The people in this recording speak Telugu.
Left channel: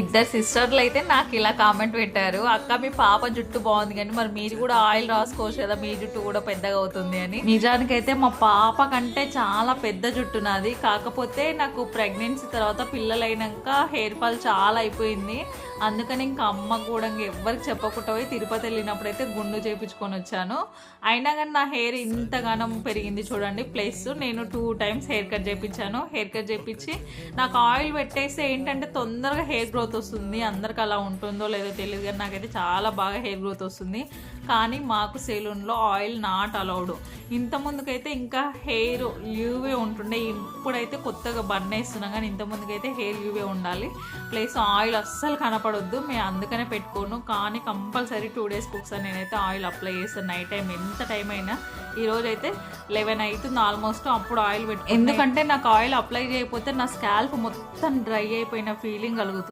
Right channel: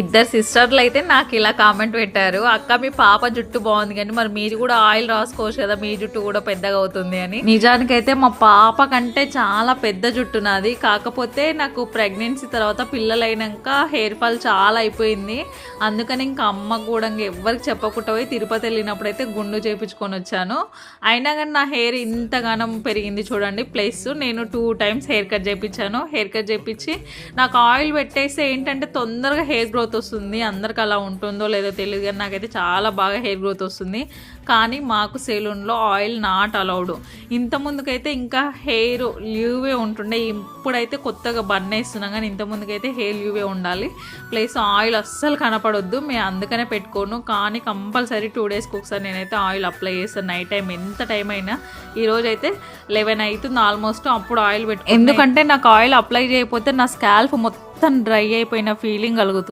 ఇద్దరు సిస్టర్లు అయితే నాకు ఇలా కామెంట్ పెట్టారు అక్క మీ పాప జుట్టు బాగుంది కానీ మరి మీరు కూడా ఆయిల్ రాసుకోవచ్చు కదా మీ జుట్టు కూడా పెద్దగా అవుతుంది అని. నిజానికైతే మా పాప కంటే చాలా పెద్ద జుట్టు నాది. కాకపోతే నాకు ప్రెగ్నెన్సీ తర్వాత పిల్లలైనాక హెయిర్ ఫాల్ చాలా అయిపోయింది. అందుకని ఇంకా అమ్మ కూడా ఎవ్వరికి చెప్పకుండా పోయి తిరుపతి వెళ్ళినప్పుడు అయితే గుండు చేయించుకొని వచ్చాను. అయినా కానీ నా హెయిర్ ఇంతగానం పెరిగింది చూడండి ప్లస్ నేను టూ టైమ్స్ హెయిర్ కట్ చేయించాను హెయిర్ కట్ చేయించి నాకు ఆయిల్ పెట్టేస్తే ఏంటంటే తొందరగా హెయిర్ గ్రోత్ గ్రోత్ వస్తుంది అందరికి అలా ఉంటుందో లేదో తెలియదు కానీ నాకైతే చాలా బాగా హెయిర్ గ్రోత్ వస్తుంది. కానీ మాకు సెలూన్లో ఆయిల్ నాట్ అలౌడ్ ఇంత ముందుకైతే ఇంకా హెయిర్ లీవే ఉంటుండే. ఇప్పుడైతే కొత్తగా బన్ వేస్తున్నాం కానీ ఇంత ముందుకైతే హెయిర్ లీవే ఉండాలి. ప్లస్ ఆయిల్ అస్సలు కనపడొద్దు. మేము అందుకనే పెట్టుకోను. కానీ కంపల్సరీ టూ డేస్కి ఒకసారి నేనైతే ఆయిల్ అప్లై చేస్తాను. నైట్ టైం ఎంత టైం అయినా. ఈ రోజు అయితే లెవెన్ అవుతుంది ఆల్మోస్ట్ అప్పుడు ఆయిల్ పెట్టు ఎందుకంటే నాకు ఆయిల్ అప్లై చేయకపోతే నా స్కాల్ప్ మొత్తం డ్రై అయిపోయిన ఫీలింగ్ కలుగుతుంది.